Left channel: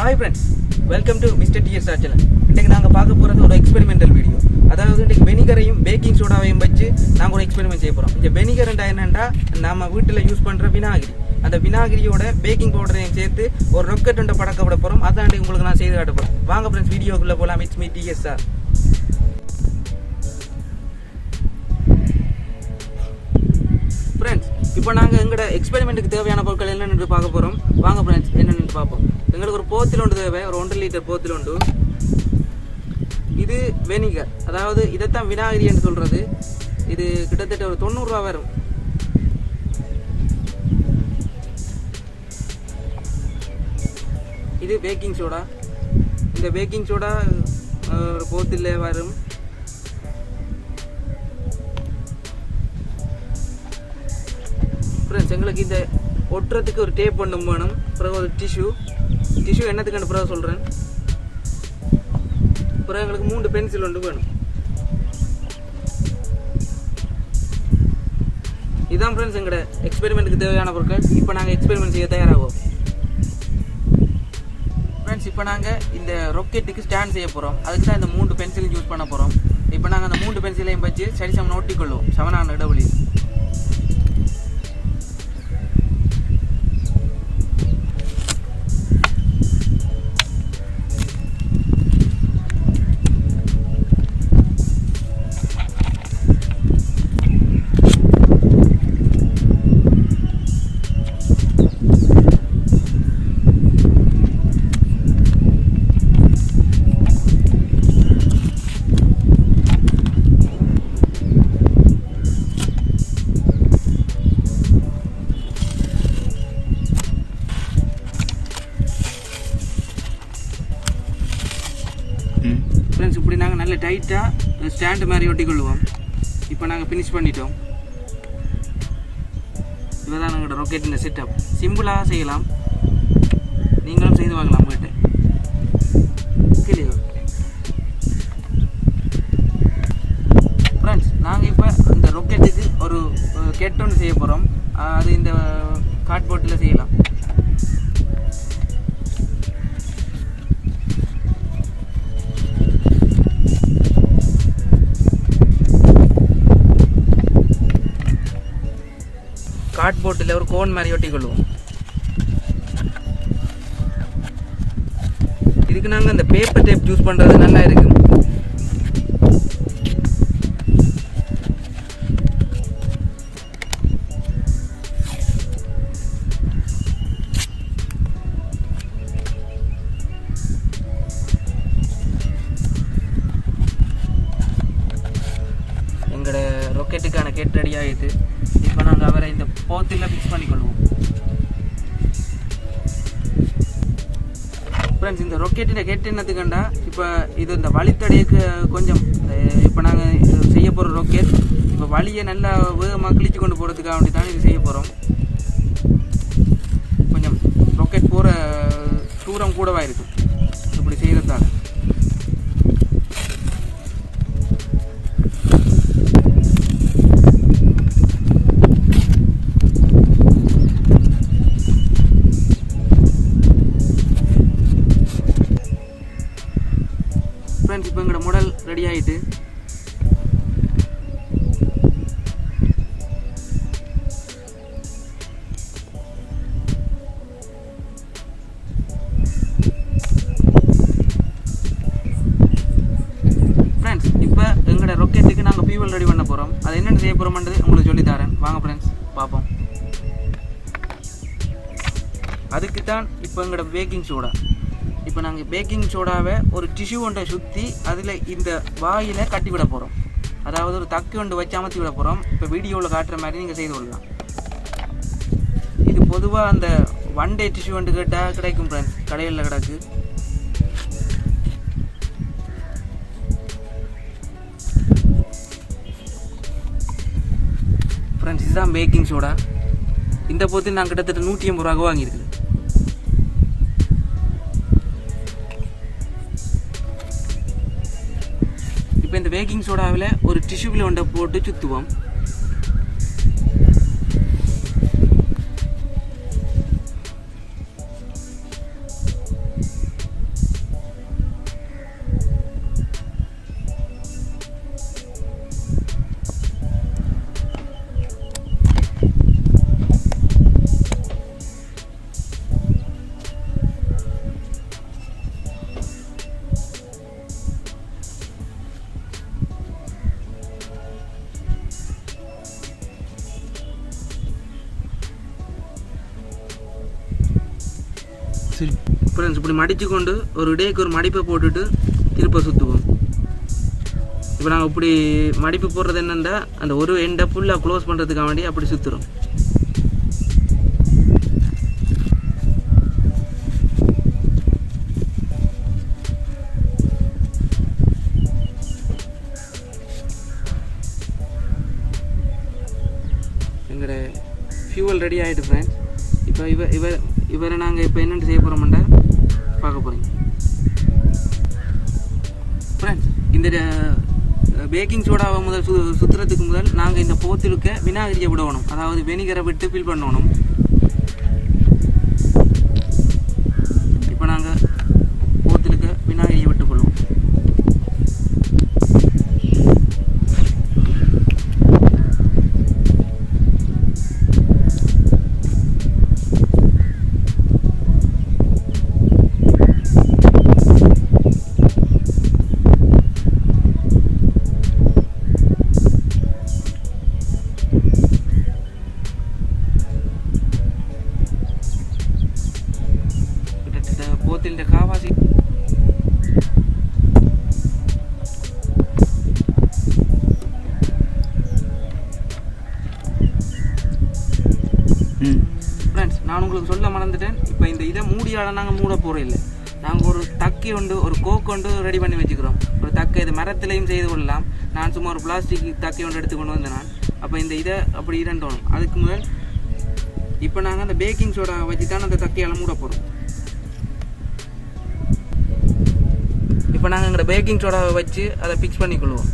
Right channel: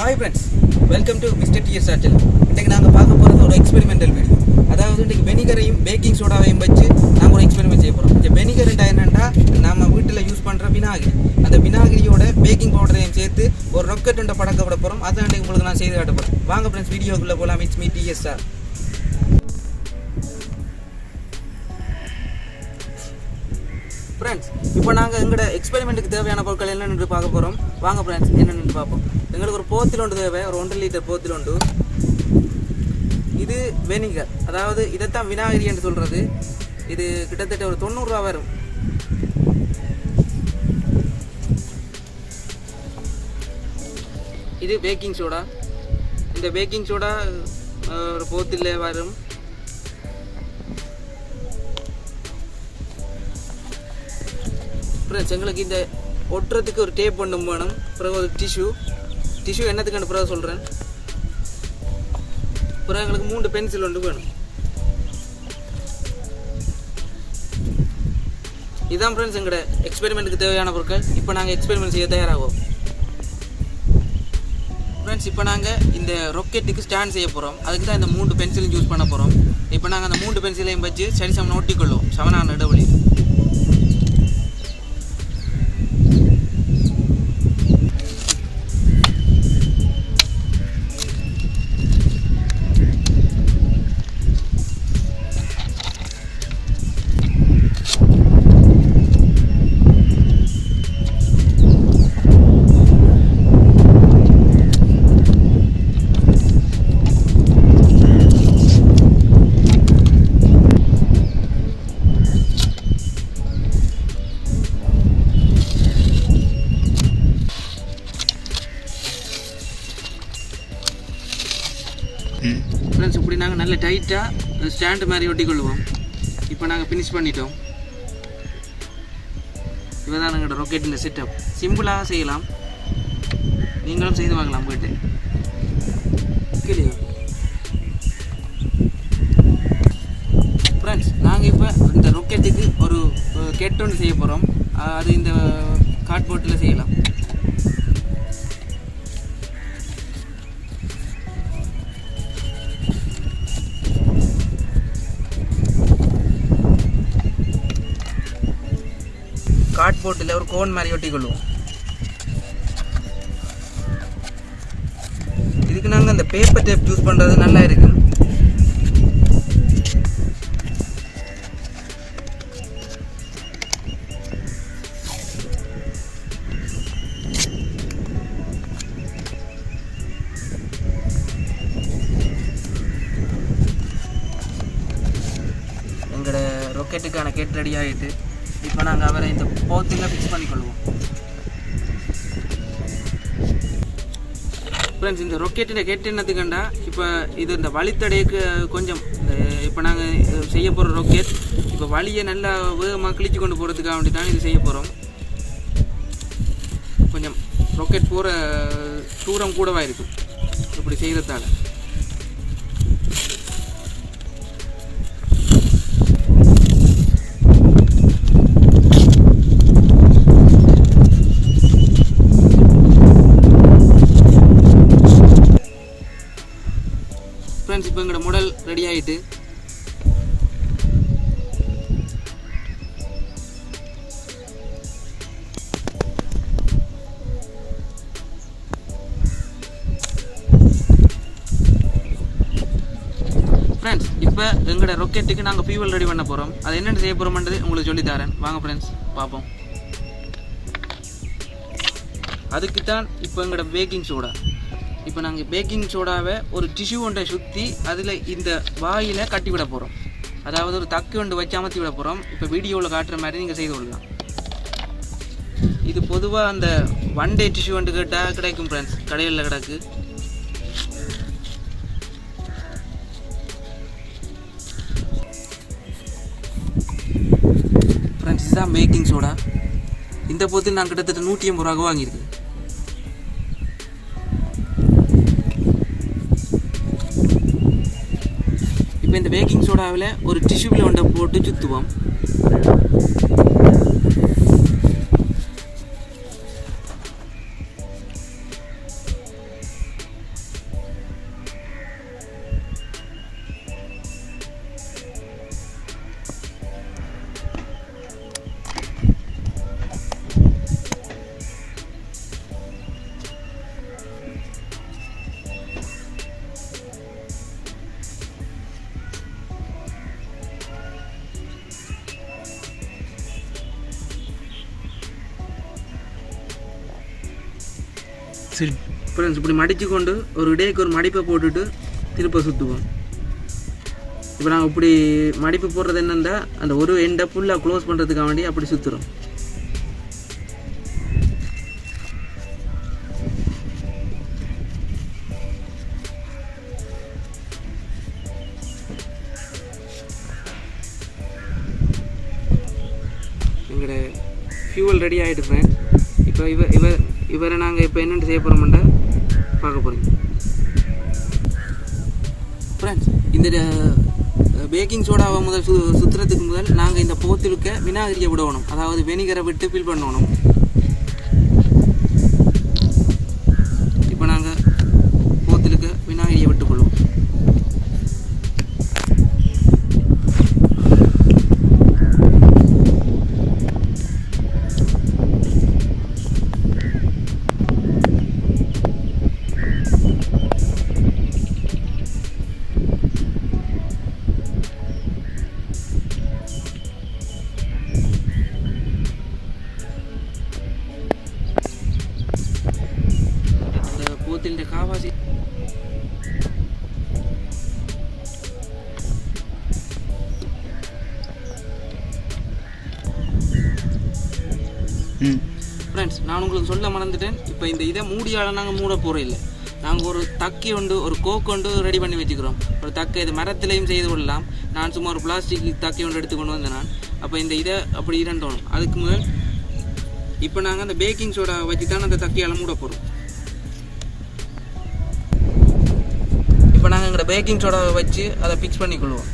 Hi friends, welcome to Mr. TS channel. இன்னைக்கு நாங்க பார்க்க போறது ஒரு எக்ஸ்பெரிமெண்டல் வீடியோ. அதாவது இன்னைக்கு வினிகரையும் பேக்கிங் சோடாவையும் வச்சு நாங்க ஒரு எக்ஸ்பெரிமெண்ட் செய்ய போறோம். இந்த வினிகர் என்னன்னா நாம வீட்ல யூஸ் பண்ற வினாகிரி. அந்த வினாகிரியோட பேக்கிங் பவுடரையும் சேர்த்து ஒரு ராக்கெட் ஒன்றை பறக்க விட போறோம். அதான் உங்களுக்கு நான் செய்து காட்ட போறேன். வாங்க ஃப்ரெண்ட்ஸ் வீடியோக்குள்ள போலாம். It's me TS. ஃப்ரெண்ட்ஸ் இப்போ நாங்கள் எங்களோட எக்ஸ்பெரிமெண்ட்டுக்கு தேவையான பொருட்கள் என்னென்னு பார்க்க போகிறோம். வாங்க ஃப்ரெண்ட்ஸ் என்னென்னு பார்ப்போம். எங்களுக்கு ஒரு போத்தில் ஒன்று தேவை, ஒரு 1.5 லிட்டர் போத்தில் ஒன்று. இது வெனிகர், அதாவது இதைத்தான் வினாகிரி என்று சொல்கிறது. இது கிட்டத்தட்ட ஒரு 90 ரூபா வரும். இது பேக்கிங் சோடா. இந்த பேக்கிங் சோடா ஒரு போத்தில் வரும். ஃப்ரெண்ட்ஸ் எங்களுக்கு இந்த ஒட்டுறதுக்கு ஒரு டேப் ஒன்று வேணும். பிறகு ஒரு டிஷ்யூ என்னத்துக்கு பிறகு சொல்கிறேன். பிறகு எங்களுக்கு 3 பென்சில் ஒன்று வேணும். இதுதான் ஃப்ரெண்ட்ஸ் எங்களோட எக்ஸ்பெரிமெண்ட்டுக்கு தேவையான பொருட்கள். இப்போ நாங்கள் எக்ஸ்பெரிமெண்ட் செய்ய தயாராகும். ஃப்ரெண்ட்ஸ் இப்போ நாங்கள் இந்த ராக்கெட்டுக்கு ஸ்டாண்ட் செய்ய போகிறோம். அதுக்கு தான் இந்த 3 பென்சிலும் யூஸ் பண்ண போகிறோம். இப்போ நாங்கள் அந்த 3 பென்சிலையும் வச்சு சரி சமன் ஒட்டிக்கொள்ளுவோம் சமனான இடைவெளி. ஃப்ரெண்ட்ஸ் இப்படி நாங்கள் நல்ல டைட்டாக ஸ்டாண்டு மாதிரி ஒட்டிக்கொள்வோம். இப்போ நாங்கள் ஃபினிஷ் பண்ணிட்டோம். இதுதான் எங்களோட ராக்கெட்டின் செட்டப். சிம்பிளாக செய்யலாம், நீங்களும் செய்து பார்க்கலாம் போய்ட்டு. இல்லையோ ஃப்ரெண்ட்ஸ், நாங்கள் இப்போ இந்த ராக்கெட்டுக்கு ஒரு கெட் ஒன்று செய்ய போகிறோம். அது இந்த கார்ட்போர்ட்டில் செய்யலாம். கார்ட்போர்ட்டில் ஒரு கோன் மாதிரி ஒட்டிக்கொள்வோம். இதுக்கு நாங்கள் இந்த பேப்பர் டேப் யூஸ் பண்ணுறது நல்லா இருக்கும். எங்களோட ராக்கெட்டுக்கான கெட் ரெடி ஆகிட்டு இப்போ நாங்கள் அவரை இந்த போத்தில் ஃபிக்ஸ் பண்ணிக்கொள்வோம். ஃப்ரெண்ட்ஸ் இந்த ராக்கெட்டில் கெட் என்னத்துக்கண்டா, இப்போ இது இந்த வழித்தடைக்கு கொஞ்சம் இப்போ நாங்கள் செய்ய போகிற ராக்கெட் இப்போ வழியை நல்லா வேகமாக கிழிச்சு கொண்டு போகிறதுக்காக வேண்டி தான் இது செய்ய போகிறோம். கொஞ்சம் ராக்கெட் போகிற தூரம் கூடவா இருக்கும் இப்படி செய்கிறதால. ஃப்ரெண்ட்ஸ் இப்போ எங்களோட மாடல் ரெடி ஆகிட்டு ஃப்ரெண்ட்ஸ் இப்போ எங்களோட ராக்கெட்டுக்கு நாங்கள் ஃபியூவல் ரெடி பண்ண போகிறோம். அது என்னென்ன செய்ய போகிறோம்ன்றது உங்களுக்கு சொல்லித்தரேன். வாங்க ஃப்ரெண்ட்ஸ் பார்ப்போம். அதுக்கு தான் இப்போ எங்களோட பேக்கிங் சோடா. இப்போ நாங்கள் பேக்கிங் சோடாவை ஒரு டிஷ்யூ ஒன்றை சுற்றி அதில் இந்த வாயில் கட்டி விட போகிறோம். அதாவது ஒரு தக்கு ஒன்று வச்சு அமர்த்தி விட போகிறோம். இப்போ வீடியோவில் காட்டுற மாதிரி நீங்கள் செய்து கொள்ளலாம். இது பொதுவாக அந்த 1 டே டிஷ்யூ ஒன்று கேட்டால் கிடைக்கும் ஃப்ரெண்ட்ஸ், கடைகளில் கிடக்கு. ஃப்ரெண்ட்ஸ் இதுதான் பேக்கிங் சோடா. இந்த போத்தில் நான் கிட்டத்தட்ட 180 ரூபா வாங்கியிருக்கேன். இப்போ இந்த பேக்கிங் சோடாவில் ஒரு டிஷ்யூவில் ஒன்றை போட்டு சுற்றுவோம். சரி ஃப்ரெண்ட்ஸ் இப்படி மடித்து கொண்டு ஒரு டேக்கு ஒரு மடிப்பை போட்டுட்டு திருப்ப சுற்றுவோம். இப்போ நாங்கள் இப்படி மடிப்பு போடுறது என்னென்னா அந்த ஒரு எண்டை ஃபுல்லாக க்ளோஸ் பண்ணுறதுக்காக வேண்டி அப்படி சுற்றுறோம். எங்களோட ஃபியூவல் ரெடி ஆகிட்டு ஃப்ரெண்ட்ஸ். இப்போ இவரை நாங்கள் இப்போ என்னென்னு செய்ய போகிறோம்னா பார்க்க போகிறீங்க ஃப்ரெண்ட்ஸ். இந்த பேக்கிங் சோடாவை முதல் சுற்றுறதுக்கு முதல் நாங்கள் இந்த போத்திலுக்க வினாகிரியை விடணும், அதாவது வெனிகரை விட்டு ஃபில் பண்ணணும். இப்போ நாங்கள் போத்திலுக்க வினாகிரியை விட்டுக்கொள்வோம். போத்திൻ്റെ காவாசி ஃப்ரெண்ட்ஸ், நான் உங்களுக்கு சொல்ல மறந்துட்டேன். இப்போ இந்த இதை மூடியால் நாங்கள் மூட போகிறோம் இல்லை, நாங்கள் ஒரு தக்கி ஒன்று ஒரு கோக் ஒன்று ரெடி பண்ணி வச்சுக்கிறோம். ஒரு தக்கை இது மரத்துலேயும் செய்து கொள்ளலாம். நான் சும்மா ஒரு பிளாஸ்டிக் தக்கை ஒன்று எடுத்து கொண்டு வந்தேன் நான். அப்போ இந்த இதை அப்படி இரண்டோணும். அதுக்கு முதல் இப்போ நாங்கள் அந்த பேக்கிங் சோடா வச்சு தான் அந்த தக்கையால் மூட போகிறோம். இப்போ நாங்கள் எங்களோட பேக்கிங் சோடாவை வச்சு அதை ஃபிக்ஸ் பண்ணிக்கொள்வோம்.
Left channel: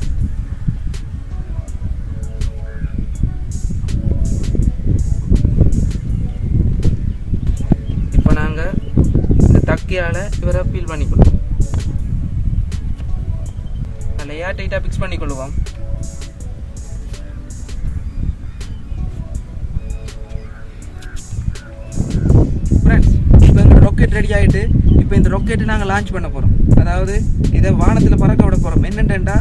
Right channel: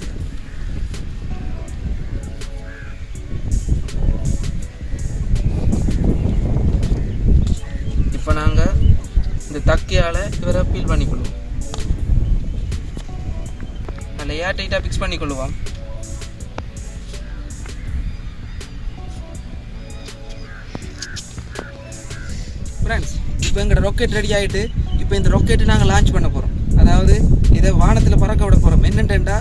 இப்போ நாங்கள் இந்த தக்கையால் இவரை ஃபீல் பண்ணிக்கொள்வோம். அதில் ஏர் டைட்டாக ஃபிக்ஸ் பண்ணிக்கொள்வோம். ஃப்ரெண்ட்ஸ், இப்போ எங்களோட ராக்கெட் ரெடி ஆகிட்டு இப்போ இந்த ராக்கெட்டை நாங்கள் லான்ச் பண்ண போகிறோம். அதாவது இதை வானத்தில் பறக்க விட போகிறோம். என்னென்னா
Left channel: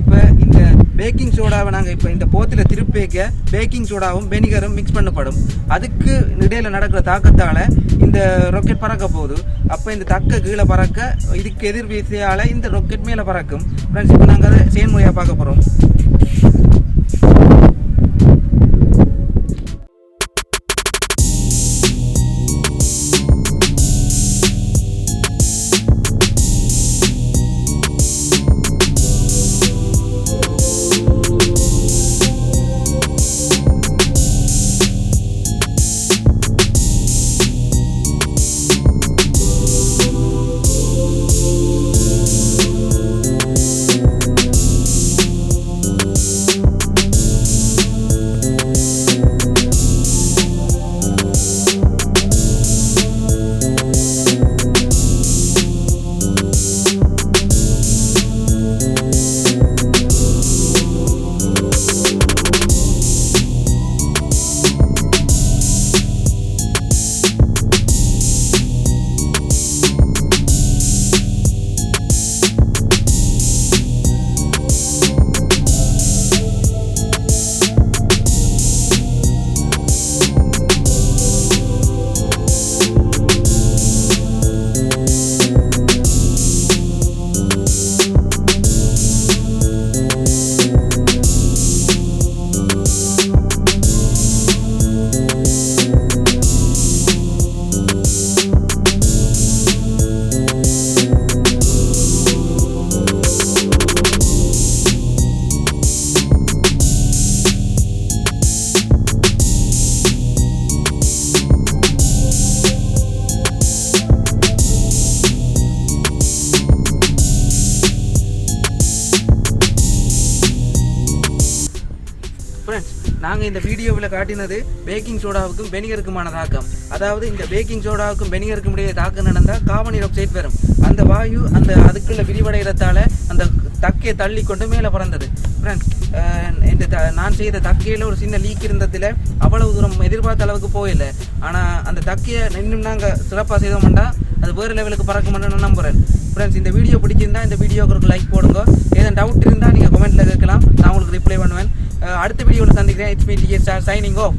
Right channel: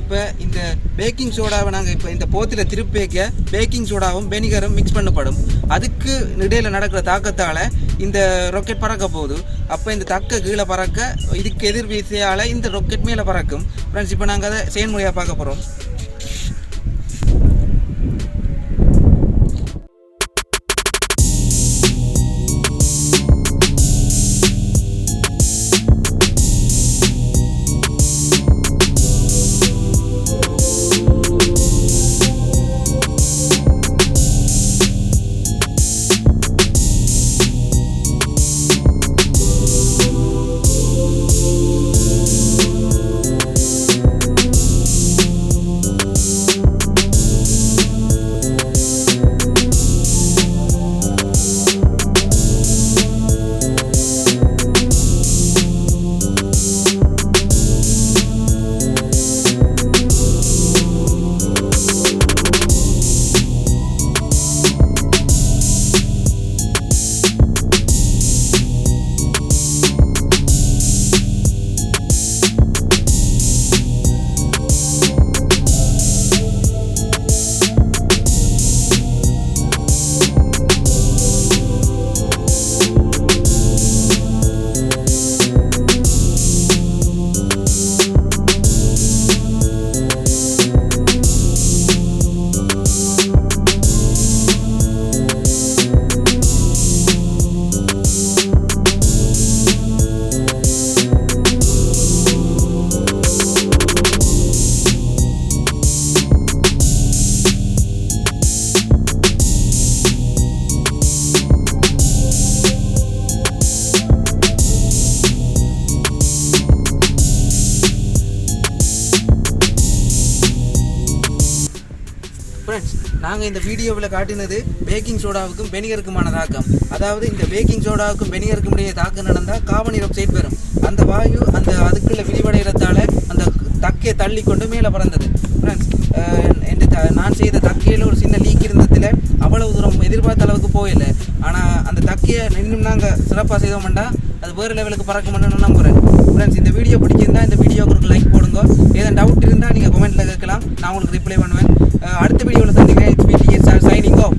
இப்போ இந்த பேக்கிங் சோடாவை நாங்கள் இப்போ இந்த போத்தில் திருப்பி வைக்க பேக்கிங் சோடாவும் வெனிகரும் மிக்ஸ் பண்ணப்படும். அதுக்கு இடையில் நடக்கிற தாக்கத்தால் இந்த ராக்கெட் பறக்க போகுது. அப்போ இந்த தக்க கீழே பறக்க இதுக்கு எதிர் வீசையால் இந்த ராக்கெட் மேலே பறக்கும். ஃப்ரெண்ட்ஸ், இப்போ நாங்கள் அதை செயல்முறையாக பார்க்க போகிறோம். நாங்கள் இந்த வீடியோவில் காட்டினது பேக்கிங் சோடாவுக்கும் வெனிகருக்குமான தாக்கம். அதாவது இந்த பேக்கிங் சோடாவுக்கும் வெனிகருக்கும் இடையே தாக்கம் நடந்தால் கார்பன் டை ஆக்சைடு வரும். அந்த வாயு அந்த அதுக்குள்ள விரிவடைகிறதால அந்த தக்கையை தள்ளி கொண்டு மேலே பறந்தது. ஃப்ரெண்ட்ஸ், நான் செய்த தக்கையில் ஒரு சின்ன லீக் இருந்ததில் அவ்வளவு தூரம் எதிர்பார்த்த அளவுக்கு போயில்லை. ஆனால் அந்த தக்கையை இன்னும் நாங்கள் சிறப்பாக செய்தோம்னா அது வேறு லெவலுக்கு பறக்குமென்னு நான் நம்புகிறேன். ஃப்ரெண்ட்ஸ், இந்த வீடியோ பிடிச்சிருந்தா இந்த வீடியோக்கு ஒரு லைக் போடுங்க. ஏதாவது டவுட் இருந்தால் நீங்கள் கமெண்ட்டில் கேட்கலாம், நான் உங்களுக்கு ரிப்ளை பண்ணுவேன். அடுத்த வீடியோவில் சந்திக்கிறேன். It's me, signing off.